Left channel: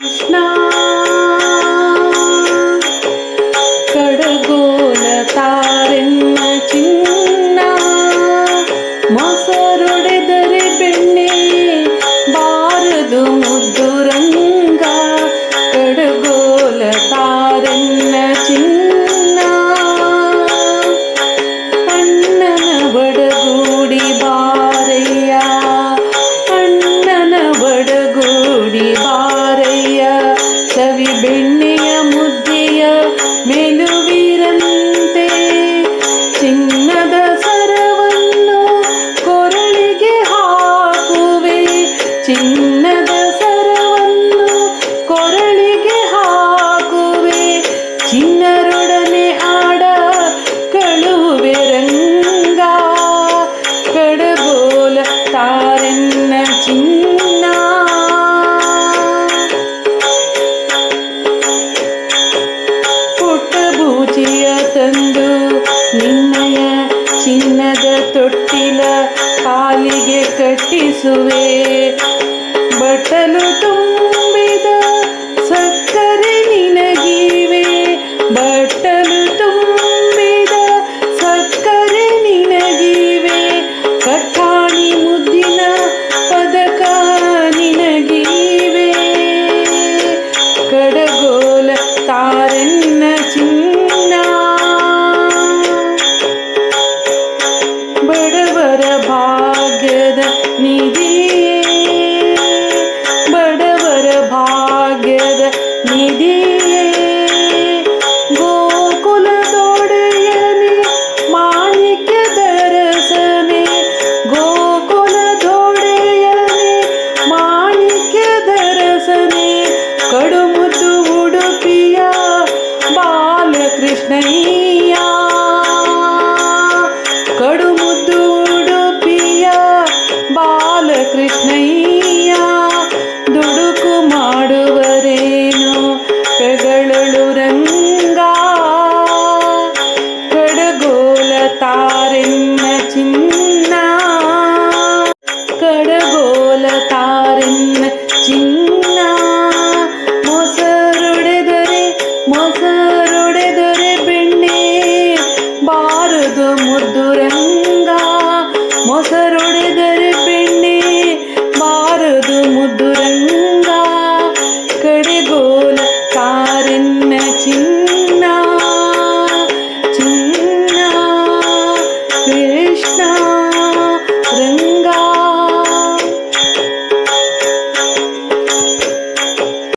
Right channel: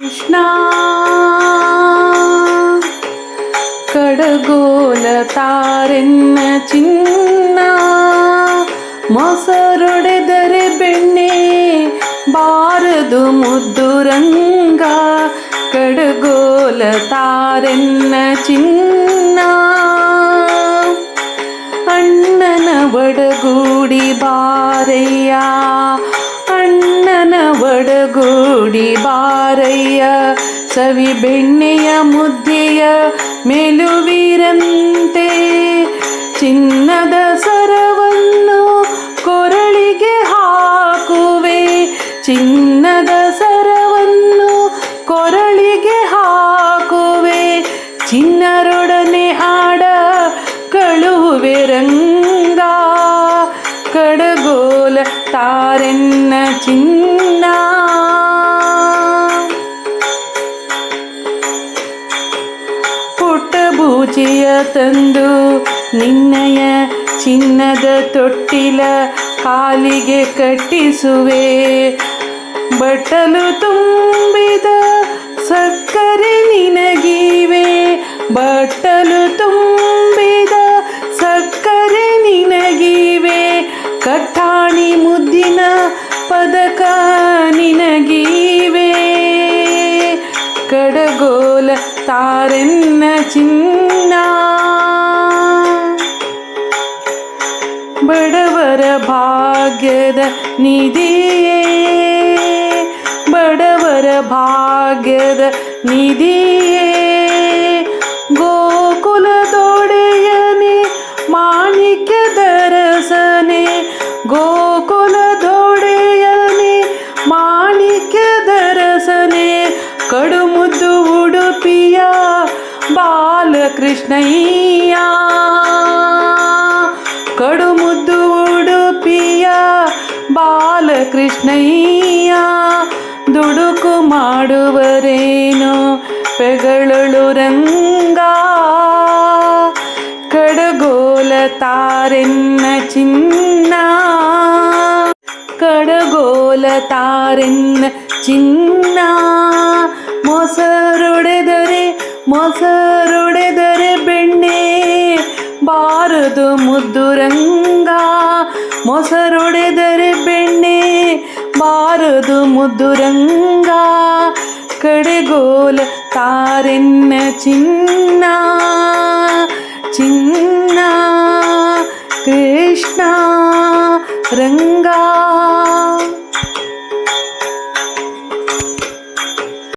ಕೃಷ್ಣ ಕಡಗೋಲ ತಾರೆನ್ನ ಚಿನ್ನ ಮೊಸರೊಡೆದರೆ ಬೆಣ್ಣೆ ಬಾರದು ಮುದ್ದು ರಂಗ ಕಡಗೋಲ ತಾರೆನ್ನ ಚಿನ್ನ ಅಣ್ಣನ ಒಡಗೂಡಿ ಬಾರಯ್ಯ ಅಣ್ಣನ ಒಡಗೂಡಿ ಬಾರಯ್ಯ ಸವಿ ಬೆಣ್ಣೆಯ ಮುದ್ದೆಯ ಮೆಲುವಿರಂತೆ ಚಿನ್ನದ ಸರವನ್ನು ಕೊರಳಿಗೆ ಹಾಕುವೆ ಚಿನ್ನದ ಸರವನ್ನು ಕೊರಳಿಗೆ ಹಾಕುವೆ ಚಿನ್ನರೊಡನೆ ಆಡ ಕಳುವೆ ರಂಗ ಕಡಗೋಲ ತಾರೆನ್ನ ಚಿನ್ನ ಪುಟ್ಟಬೂಚಿಯ ತಂದು ನಿನ್ನಯ ಚಿನ್ನದ ತೊಟ್ಟಿಲ ಕಾಲಿಗೆ ಕಟ್ಟಿಸುವೆ ಬಟ್ಟಲು ತುಂಬಿದ ಸಕ್ಕರೆ ನಿನಗಿವೆ ಬಟ್ಟಲು ತುಂಬಿದ ಸಕ್ಕರೆ ನಿನಗಿವೆ ಕಟ್ಟಾಣಿ ಮುದ್ದಿನ ಪದಕ ನಿನಗಿವೆ ಕಡಗೋಲ ತಾರೆನ್ನ ಚಿನ್ನ ಬಡವರ ಭಾಗ್ಯದ ನಿಧಿಯೇ ಬಡವರ ಭಾಗ್ಯದ ನಿಧಿಯೇ ಗೋಕುಲದೊಡೆಯನೆ ಮಾಣಿಕ್ಯದ ರಸನೆ ಗೋಕುಲದೊಡೆಯನೆ ಮಾಣಿಕ್ಯದ ರಸನೆ ಕಡುಮುದ್ದು ಉಡುಪಿಯ ಬಾಲಕೃಷ್ಣಯ್ಯ ಕಡುಮುದ್ದು ಉಡುಪಿಯ ಬಾಲಕೃಷ್ಣಯ್ಯ ದುಡುಕು ಮಾಡುವರೇನು ಪೆಗಳಳು ರಂಗ ಕಡಗೋಲ ತಾರೆನ್ನ ಚಿನ್ನ ಕಡಗೋಲ ತಾರೆನ್ನ ಚಿನ್ನ ಮೊಸರೊಡೆದರೆ ಬೆಣ್ಣೆ ಬಾರದು ಮುದ್ದು ರಂಗ ಮೊಸರೊಡೆದರೆ ಬೆಣ್ಣೆ ಬಾರದು ಮುದ್ದು ರಂಗ ಕಡೆಗೋಲ ತಾರೆನ್ನ ಚಿನ್ನ